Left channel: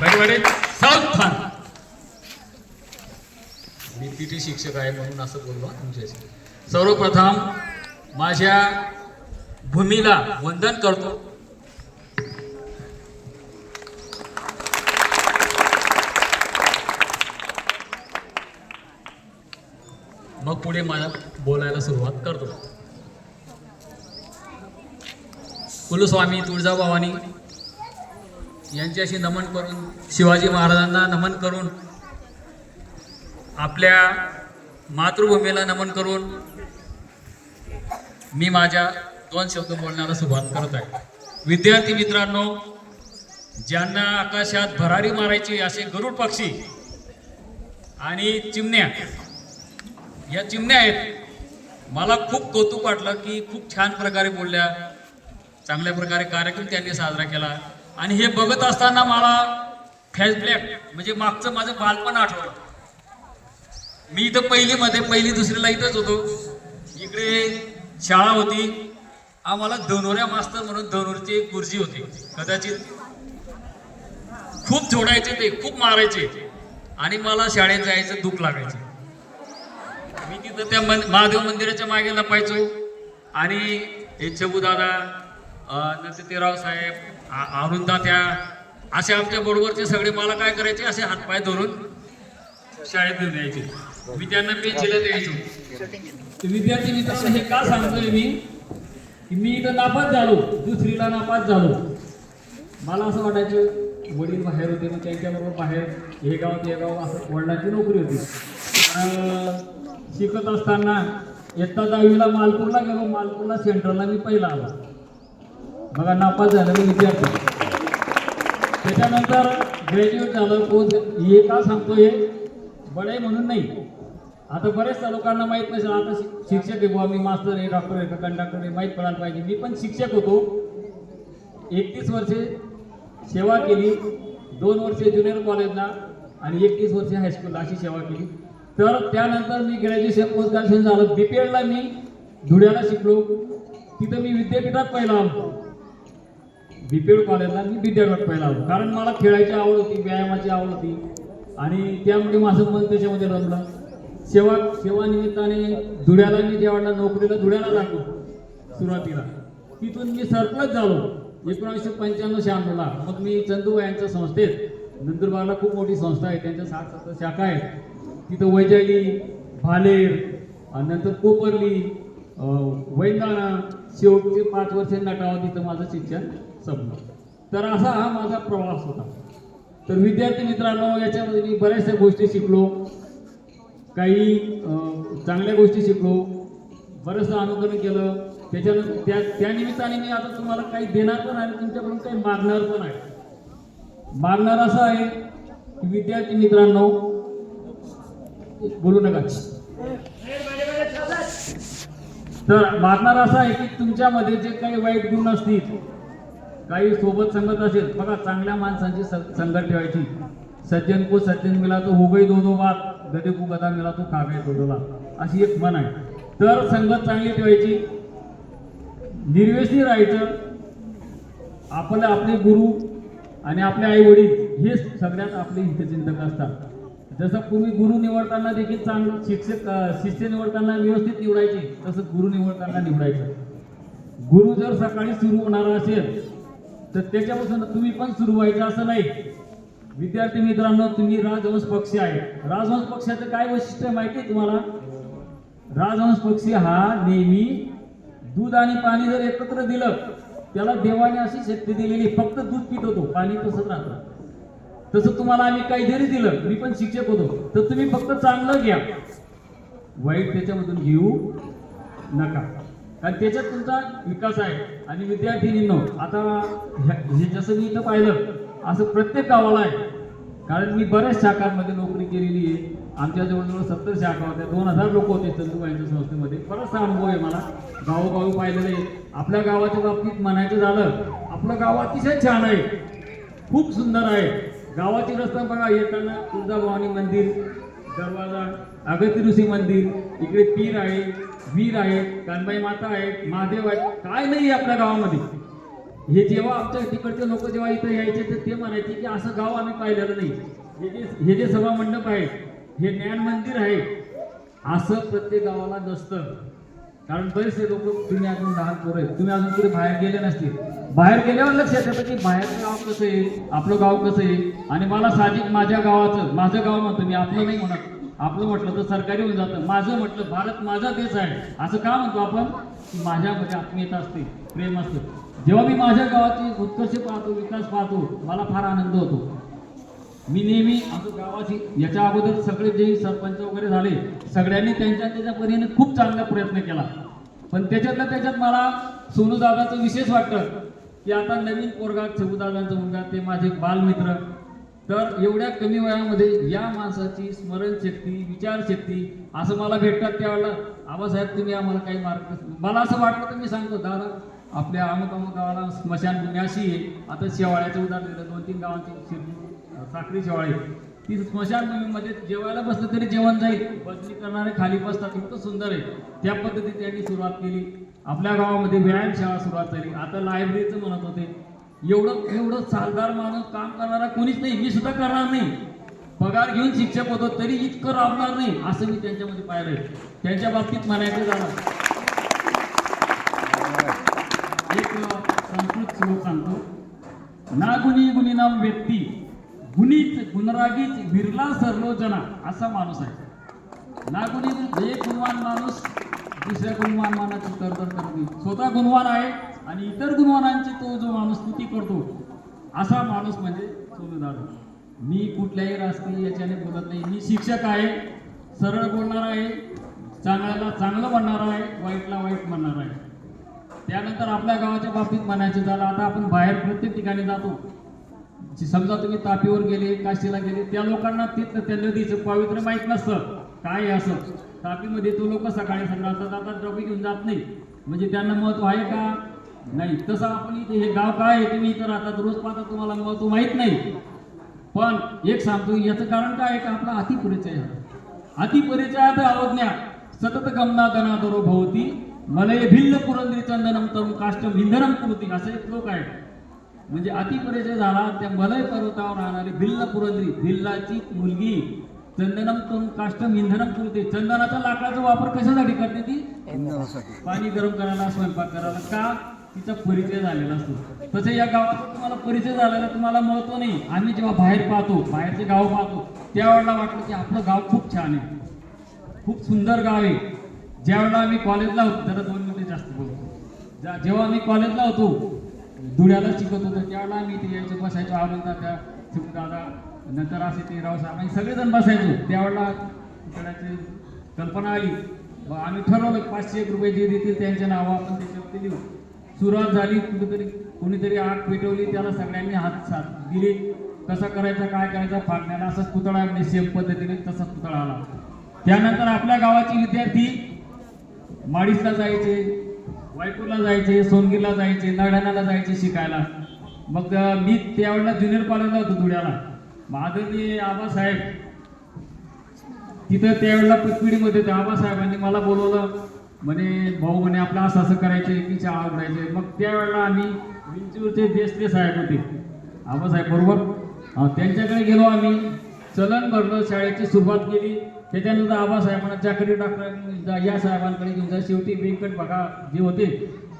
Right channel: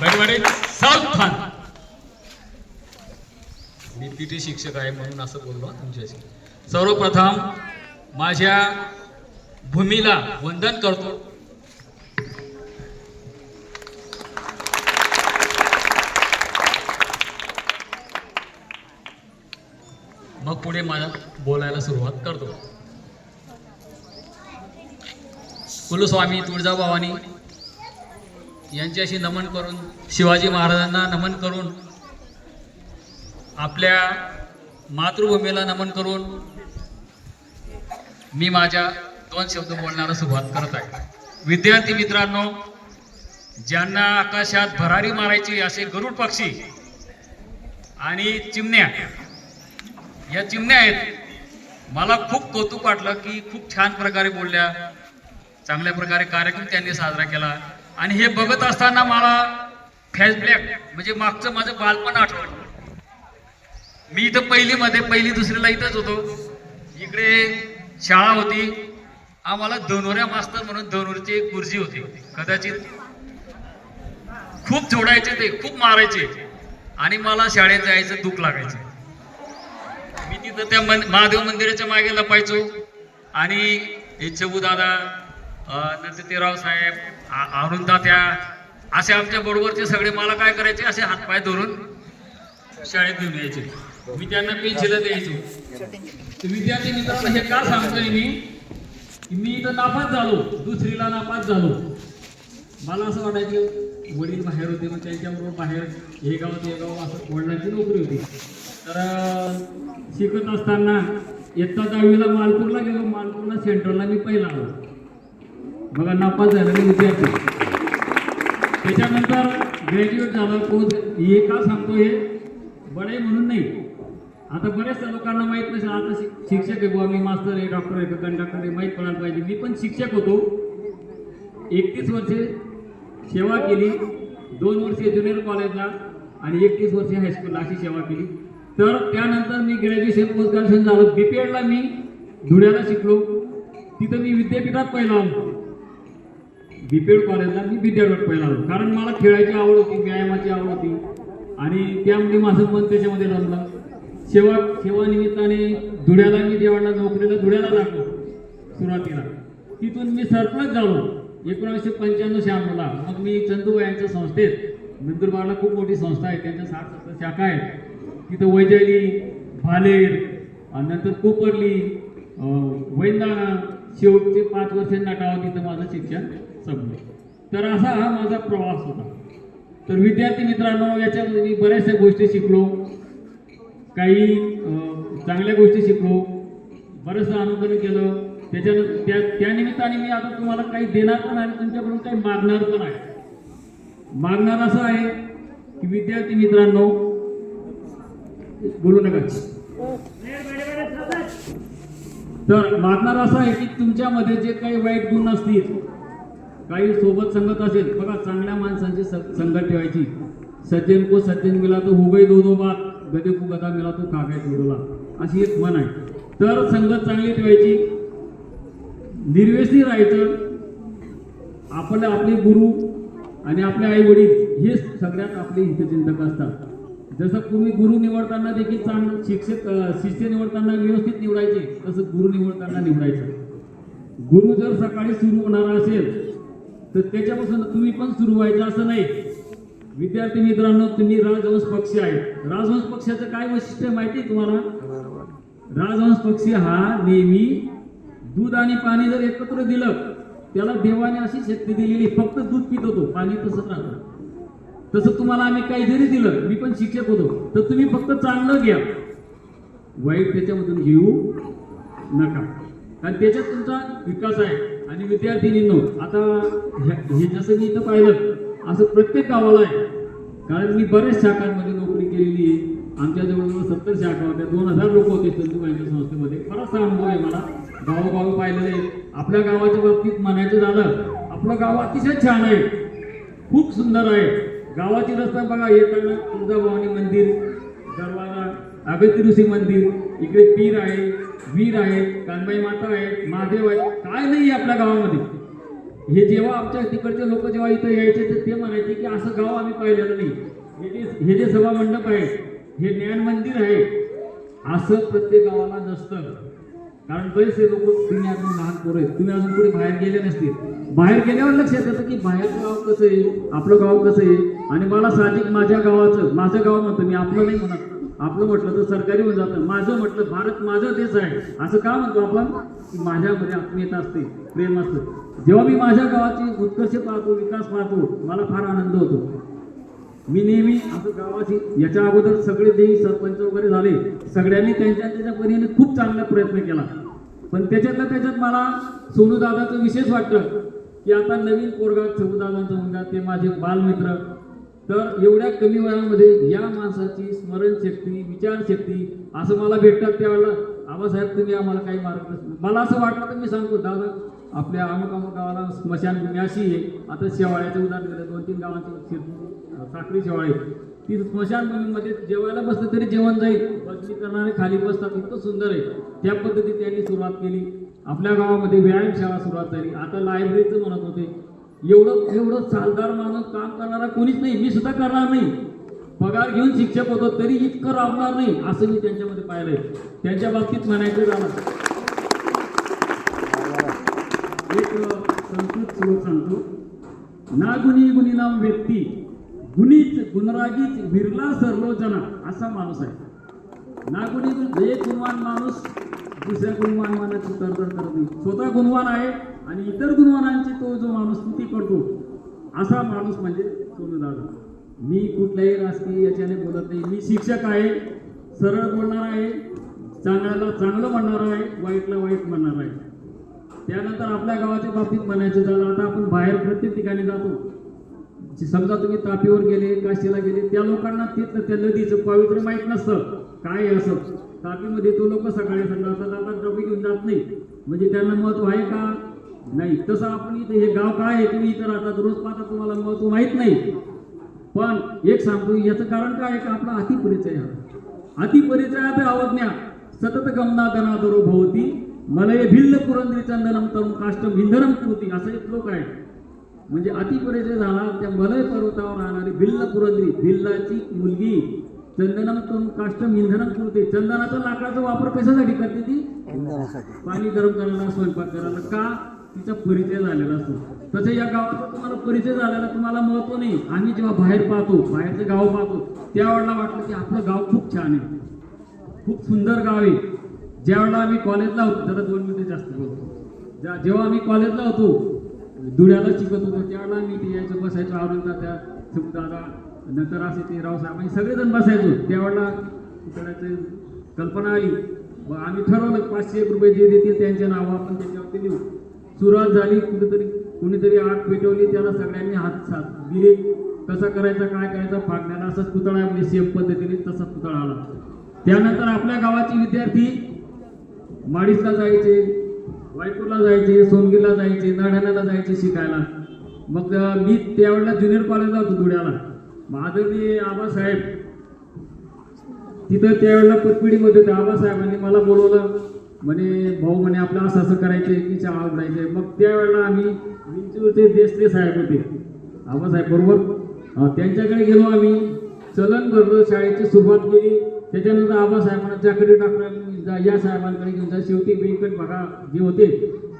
बडे सावधान. मी पीटी शिक्षक आहे म्हणून असं बोललो तुमच्याशी. सर्वप्रथम माझ्या भूमीला वंदन करतो. मग पुढे मला बोलायला सुरुवात करतो. कुलस्वामी तुळजाभवानी यांच्याशी नमन करून, शिवाजी महाराजांना नमन करून, आपल्या मातृभूमीला नमन करून मी माझ्या 2 शब्द बोलण्याला सुरुवात करत आहे. विद्यार्थी मित्रांनो, ज्यांना आकाशात भरारी मारायची असे गरुड पक्षी आणि चिमण्या, या चिमण्या आहेत. मला खूप कौतुक वाटलं की खूप छान प्रकारे बोलल्या, चांगल्या प्रकारे कार्यक्रम त्यांनी साजरा केला. आणि हे बघत असताना मला फ्लॅशबॅक म्हणजे मागचं माझं बालपण आठवलं. मी इथं पहिली दुसरीला इथंच होतो. इकडे शाळा होती. आम्हाला धनुर्या मास्तर म्हणून धनुरचे एक गुरुजी होते. कदाचित खूप झोडायचे, ते खूप मारायचे आणि मला शाळेत जायचं दुःख लागायचं. मी तिथं त्या महादेव मंदिराच्या मागे लपायचो आणि हे चबू दादा, नंतर साहेब, अरुणदात्या असे आमच्या बरोबरचे सगळे मला काय करायचे, असे हातपाय धरून शाळेत घेऊन यायचे. मी त्यांना पेन्सिल द्यायचो. तर विद्यार्थी मित्रांनो, हे का सांगतोय मी इथं नापास झालो, दुसरीला नापास झालो. मला असं वाटायचं वडील बाहेर होते, मग त्यांच्याबरोबर बाहेर हे गाव ते गाव असं वडिलांची नोकरी होती. शिकत असताना इयत्ता 10वीला मालपूरला गेलो. मालपूरला सेंटरला मी पहिला आलो. मला नापास झालेले विद्यार्थी. त्याच्यानंतर ग्रॅज्युएट झालं. पोस्ट हे का सांगतो, हे बडे म्हणून नाही. आता बऱ्याचशा लोकांना माहीत नसेल, आता शिक्षक आहे बुवा, मी मास्तर आहे, डॉक्टर आहे, कंडक्टर आहे, माहीत पडायला पाहिजे. मी पण शिक्षक होतो. 31 वर्षे सेवा केली. 2 वर्षे ज्युनियर कॉलेजला आणि 31 वर्षे हायस्कूलला अशी सेवा केली. तर त्यानंतर मी ग्रॅज्युएशन पोस्ट ग्रॅज्युएशन झालं. बीपीएडला मी धुळ्याला शिकलो. तिथं मी विद्यापीठात पहिला आलो. बीपीएड कॉलेजला मी विद्यापीठात पहिला आलो. कारण मला खेळायची आवड होती, व्यायामाची आवड होती आणि त्यामुळे माझं मन त्याच्यामध्ये रमलं. सेवा निमित्ताने धुळ्याला मी जेव्हा नोकरीला धुळ्याला लागलो सुरुवातीला, तिथून मी सरप्लस झालो 1995-96ला. मग मी चंदूबाई यांच्या संस्थेत, नंदुरबारला खूप मोठी संस्था आहे, त्यांच्या 60-70 शाखा आहेत. तिथं वैजाली, भालेर, नंतर कोपरली, वैंदाणा, शेवटचे 5 वर्ष नटावं, तिथं माझं शिक्षण संपलं. तर असा हा माझा प्रवास होता. तर विद्यार्थी मित्रांनो, याच्यामध्ये मी बऱ्याचशा गोष्टी शिकलो. काही चांगल्या गोष्टी शिकलो, बरंचसं अनुकरण केलं. त्याच्यानंतर त्या निमित्ताने मी आता तुम्हाला काही देणार पण आहे, तुमच्याकडून काही मागणार पण आहे. मागणार असं आहे की विद्यार्थी मित्रांनो, बोलू नका. तर मागणार असं आहे की तुमच्यामध्ये जे काही वाईट गुण असतील, काही सोबत संगत असेल, बघा चांगल्या माणसांची संगत ठेवायची. सज्जन को सज्जन मिला तो हो गई दो बात, गदे को गदा मिला तो खा गए दोडोला, अशी एक म्हण आहे. तर संगत चांगली ठेवायची, निर्व्यसनी राहायचं. आपले गुरु आणि आपले आई वडील हे सगळ्यात आपले हितचिंतक असतात. जसं तुम्ही गुरु निवडताना देखील चांगलं शिष्य निवडताना व्यवस्थित निवडायचे, तसं गुरु निवडताना निवडायचं. गुरु जर सकाळी सुरू होणार असेल तर त्याच्यापासून तुम्ही पण सुरू व्हायचं असं नाही. विद्यार्थी मित्रांनो, तुम्ही राजहंस पक्षी आहे. राजहंस पक्षाचं काय वैशिष्ट्य माहिती आहे तुम्हाला? राजहंस पक्षी हा नेहमी दूध आणि पाणी जर एकत्र दिलं, त्याला देवाने अशी शक्ती दिलेली, फक्त दूध पित होतो, पाणी तसंच राहतं. तसं तुम्हाला आम्ही काही जरी दिलं, मी पण शिक्षक होतो, तर तुम्ही फक्त चांगलं घ्या, वाईट त्याच्यामधून घेऊ नका, कारण त्याच्यात तुमचा विकास आहे. आणि विद्यार्थिनींनो, आता हे जसं मी इथं पाहिलं असं प्रत्येक गावाला आहे. कारण मी बऱ्याच शाखांमध्ये नोकरी केलेली आहे. आमच्या जवळजवळ 70 शाखा होत्या, 2000 लोक होते चंदूबाईंच्या संस्थेमध्ये. बराचसा अनुभव आहे मला, गावोगावी पाहिलेलं आहे. आपल्या गावाच्या बाबतीत म्हणायचं झालं, आपलं गाव अतिशय छान आहे, खूप सुंदर आहे. गावाची रस्ता बघा, येताना तुळजाभवानी मंदिर, दरवाजा, अगस्त्य ऋषी मंदिर, इकडे पीर आहे, वीर आहे, कानबाई माता आहे, महादेव आहे, काय नाही आपल्या गावामध्ये. हे जेव्हा आमच्या तिकडचे लोक जेव्हा इथे यायचे तर ते म्हणायचे की असं गाव आम्ही पाहिलेलं नाही. हे जे सभा मंडप आहे, हे ज्ञान मंदिर आहे, असं प्रत्येक गावाला नसतं. कारण बरेचसे लोक, तुम्ही अजून लहान पोरं आहेत, तुम्ही अजून पुढे बाहेर गेले नसतील. बाहेर गेल्यावर लक्षात येतं की बाहेरचं गाव कसं आहे, आपलं गाव कसं आहे. आणि मला साहजिक माझ्या गावाचं, माझं गाव म्हणतो मी, आपलं नाही म्हणत. आपलं म्हटलं तर सरकारी होऊन जातं. माझं म्हटलं, भारत माझा देश आहे असं का म्हणतो आपण? माझ्यामध्ये आत्मीयता असते, प्रेम असतं. जेव्हा मी माझ्या गावाची उत्कर्ष पाहतो, विकास पाहतो, मला फार आनंद होतो. मी नेहमी असं गावाची, याच्या अगोदर सगळे जे सरपंच वगैरे झाले, सगळ्यांनी त्यांच्या परीने खूप चांगला प्रयत्न केला. पण त्याच्यात मला सोनूदादाचं विशेष वाटतं की आता नवीन पोरगा सोनूदादांचा मुलगा, ते माझे बालमित्र, तर एवढ्या कमी वयामध्ये या माणसाची स्मरणशक्ती, विचारशक्ती असं मला भेटतात. त्यावेळेला आबासाहेब तुम्ही आम्हाला काही मार्ग, मला असं वाटलं तर मी सांगतो, दादा आपल्या अमुक गावाला स्मशानभूमी अशी आहे. आता शेवाळ्याचं उदाहरण दिलं, 2-3 गावांची साखरी शेवाळे, ती स्मशानभूमीमध्ये जेवायला बसलं तरी जेवण जाईल, बसणी करणारे खाली बसतात, इतकं सुंदर आहे. त्या पद्धतीने त्यांनी सुरुवात केली. आपल्या गावामध्ये व्यायामशाळा सुरुवात झाली. आता लायब्ररीचं म्हणत होते. एवढं सालदार माणूस, काम करणारा कोणीच नाही. मी सुद्धा करणार नाही, पगार घेऊन शिक्षक होतो तरी इतकं राबणार नाही, असं मी त्यांच्यामध्ये पाहिलंय. त्यांच्या बाबतीत म्हणायचं झालं, एक संस्कृत श्लोक सांगतो, ना गुणी गुणीनाम व्यक्ती, गुणीच गुणरागीच विरला सर्व जना, असा माणूस आहे. ना गुणी, एक गुणवान माणूस दुसऱ्या गुणवान मानाची करदर करत नाही. स्वतः गुणवान आहे आणि इतर गुणवानांची तो जो माणूस स्तुती करतो, असा माणूस म्हणजे सोनूदादा. मी कुठल्याही राजकीय याच्याने बोलत नाही. मी शिक्षक आहे, सरळ बोलणार आहे, चांगल्याला चांगलं म्हणणार आहे, वाईटला वाईट म्हणणार आहे. त्यानंतर आपल्या गावाच्या बाबतीत म्हणायचं झालं, आता आपण बाहेर प्रत्येक ठिकाणी जातो. समजा तुम्ही तापीवर गेले, काशीला गेले, त्या लोकांना तिथं त्या नदीचं पावित्र्य माहीत नसतं काय असं. तापीमध्ये तो लोक सकाळी जातात, डबी घेऊन जात नाही, म्हणजे त्यांना महत्व आहे का? नाही. तसं आपण इथे, हे गाव काय आहे, तुम्ही इथं राहतात, रोज पाहता, तुम्हाला महत्व माहीत नाही. पण एक सांगतो, याचं कारण काय आहे का? आपला अतिपरिचय आहे. अतिपरिचयात अवज्ञा सतत गमना गणाधरो भवती मलय भिल्ल पुरंदरी चंदनम तरुण काष्टम इंधनम कृती, असं एक श्लोक आहे. म्हणजे अतिपरिचय झाला, त्या मलय पर्वतावर राहणारी भिल्ल पुरंदरी, भिल्लाची मुलगी, चंदनम तरुण काष्टम इंधनम कृती, चंदनाचा लाकडाचा वापर कशासाठी करते ती? पाणी गरम करायला, स्वयंपाक करायला. का? तिचा परिचय झालेला असतो. तसं या गावाचा तुम्हाला परिचय झालेला, तुम्हाला महत्व नाही. आम्ही जेव्हा बाहेर पाहतो, बाहेरचं गाव पाहतो, त्यावेळेला वाटलं की आपलं गाव खूप छान आहे, खूप सुंदर गाव आहे. ज्यावेळेला आम्ही कॉलेजला होतो, जरा 2 मिनिटं जास्त बोलतो, जेव्हा आम्ही कॉलेजला होतो, धुळ्याला शिकत होतो, त्यावेळेला आम्ही इथे यायचं, बसायचो, आरुणदा, त्या दादा, नंतर असे ते रावसाहेब, आम्ही सगळेजण बसायचो. त्यावेळेला करायची कल्पना आली, मग आम्ही ठरवलं 500 रुपये जे देतील त्यांच्या नावं आपण त्याच्यावरती देऊ. सुरुवात झाली, कोणीतरी आग पेटवली, त्याला सगळ्यांनी हात दिले. कसा करायचा, काय करायचा, फागण्याला असंच पुतळा, म्हणजे सेम पद्धतीने तसाच पुतळा आला. त्यानंतर आपल्या गावाचे विद्यार्थी माडीसला जायचे, वायपूरला जायचे, सोनगीरला जायचे, नळाण्याला जायचे शिकायला. मग मी त्यावेळेला ज्युनियर कॉलेजला होतो धुळ्याला. आदरणीय आबासाहेब तिथं त्यावेळेला पतपिढीमध्ये होते. आबासाहेबांनी मला बोलवलं, म्हणे भाऊ, म्हणे आपलं असं असं करायचं, की शाळा उघडायचं. मग त्यावेळेला आम्ही विंचूरचे देशले साहेब होते, आबासाहेब बरोबर, त्यांच्याकडे गेलो. आम्ही चलन भरलं, शाळेची सुरुवात केली. त्याच्यानंतर आबासाहेबांना चाकरी टाकलं, या साहेबांकडे घेऊन जा. शेवटी व्यंकट बघा जे होते,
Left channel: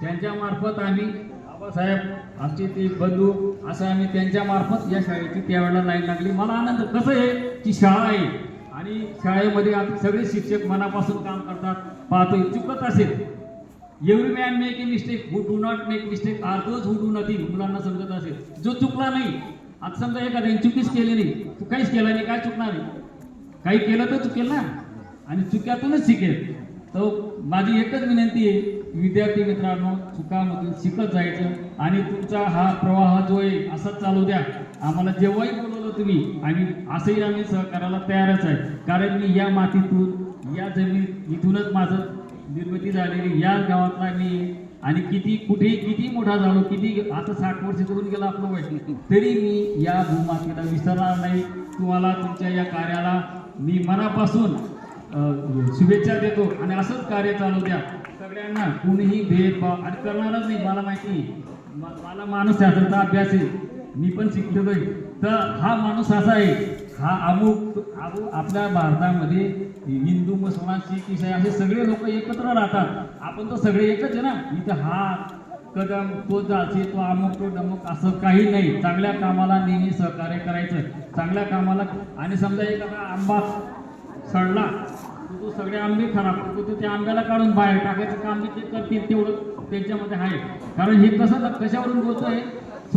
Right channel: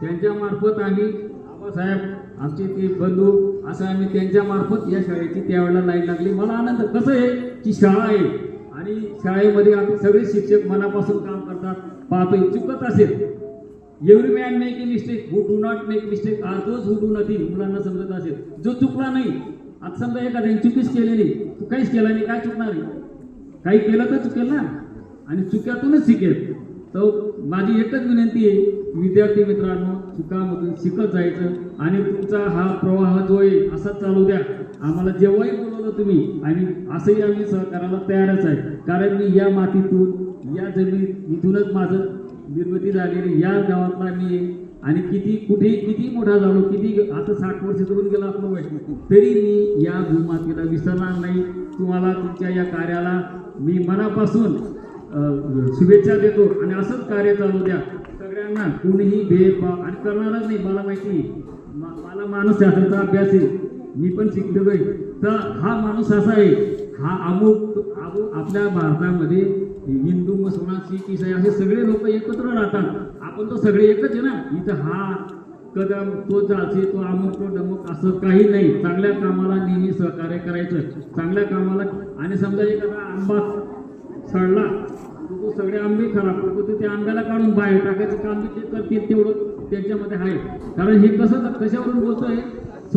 त्यांच्या मार्फत आम्ही, आबासाहेब आमचे ते बंधू, असं आम्ही त्यांच्या मार्फत या शाळेची त्यावेळेला लाईन लागली. मला आनंद. कसं आहे की शाळा आहे आणि शाळेमध्ये आता सगळे शिक्षक मनापासून काम करतात. पाहतोय, चुकत असेल, every man make a mistake, who do not make mistake are those who do nothing. मुलांना समजत असेल, जो चुकला नाही. आता समजा एखाद्याने चुकीच केलेली, तू काहीच केला नाही, काय चुकणार आहे? काही केलं तर चुकेल ना, आणि चुक्यातूनच शिकेल. तर माझी एकच विनंती आहे, विद्यार्थी मित्रांनो, चुकामधून शिकत जायचं आणि तुमचा हा प्रवाह जो आहे असाच चालू द्या. आम्हाला जेव्हाही बोलवलं तुम्ही, आणि असंही आम्ही सहकार्याला तयारच आहे. कारण मी या मातीतून, या जमीन इथूनच माझं निर्मिती झालेली, या गावातला मी, आणि किती मोठा झालो, किती आता 60 वर्ष करून गेला आपलं वय, तरी मी या भूमातीला विसरणार नाही. तुम्हाला तुमच्या या कार्याला मी मनापासून शुभेच्छा देतो आणि असंच कार्य चालू द्या. सगळ्यांना कोणीही भेदभाव आणि करणारच नाही. मला माहिती, मला मानसशास्त्राचा अभ्यास आहे, मी पण शिकलेलो आहे. तर हा माणूस असा आहे, हा आपल्या भारतामध्ये हिंदू मुसलमान शीख ईसाई असे सगळे लोक एकत्र राहतात. आपण तर सगळे एकच आहे ना. इथं हा कदम तो जाती तो अमुक तो डमुक असं काही नाही. चांगल्या कामाला नेहमी सहकार्य करायचं, चांगल्या कामाला. आणि समजा एखादा आंबा सडला तो सगळे आंबे खराब करतो, तो त्या आंब्याला काढून बाहेर टाकायचं काम बी ते करतील, तेवढं त्यांच्यामध्ये आहे. कारण हे कसं कशावरून बोलतोय,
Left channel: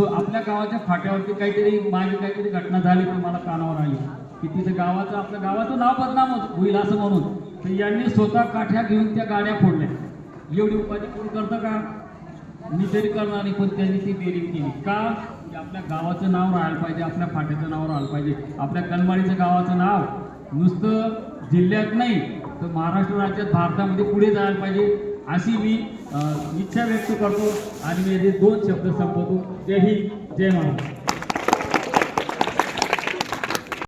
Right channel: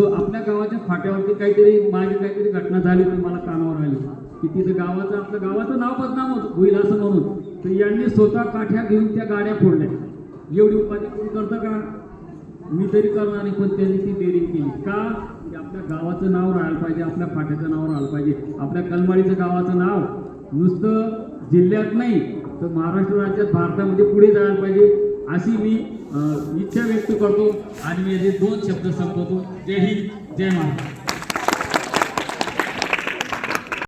आपल्या गावाच्या फाट्यावरती माझी काहीतरी घटना झाली तर मला कानावर आली की तिथं आपल्या गावाचं नाव बदनाम होईल असं म्हणून तर यांनी स्वतः काठ्या घेऊन त्या गाड्या फोडल्या. एवढी उपाधी कोण करतं का? मी तरी करणार नाही, पण त्यांनी ती डेअरिंग केली का? की आपल्या गावाचं नाव राहायला पाहिजे, आपल्या फाट्याचं नाव राहायला पाहिजे, आपल्या कनमाळीचं गावाचं नाव नुसतं जिल्ह्यात नाही तर महाराष्ट्र राज्यात भारतामध्ये पुढे जायला पाहिजे अशी मी इच्छा व्यक्त करतो. आणि मी 2 शब्द संपवतो. जय हिंद, जय महाराष्ट्र.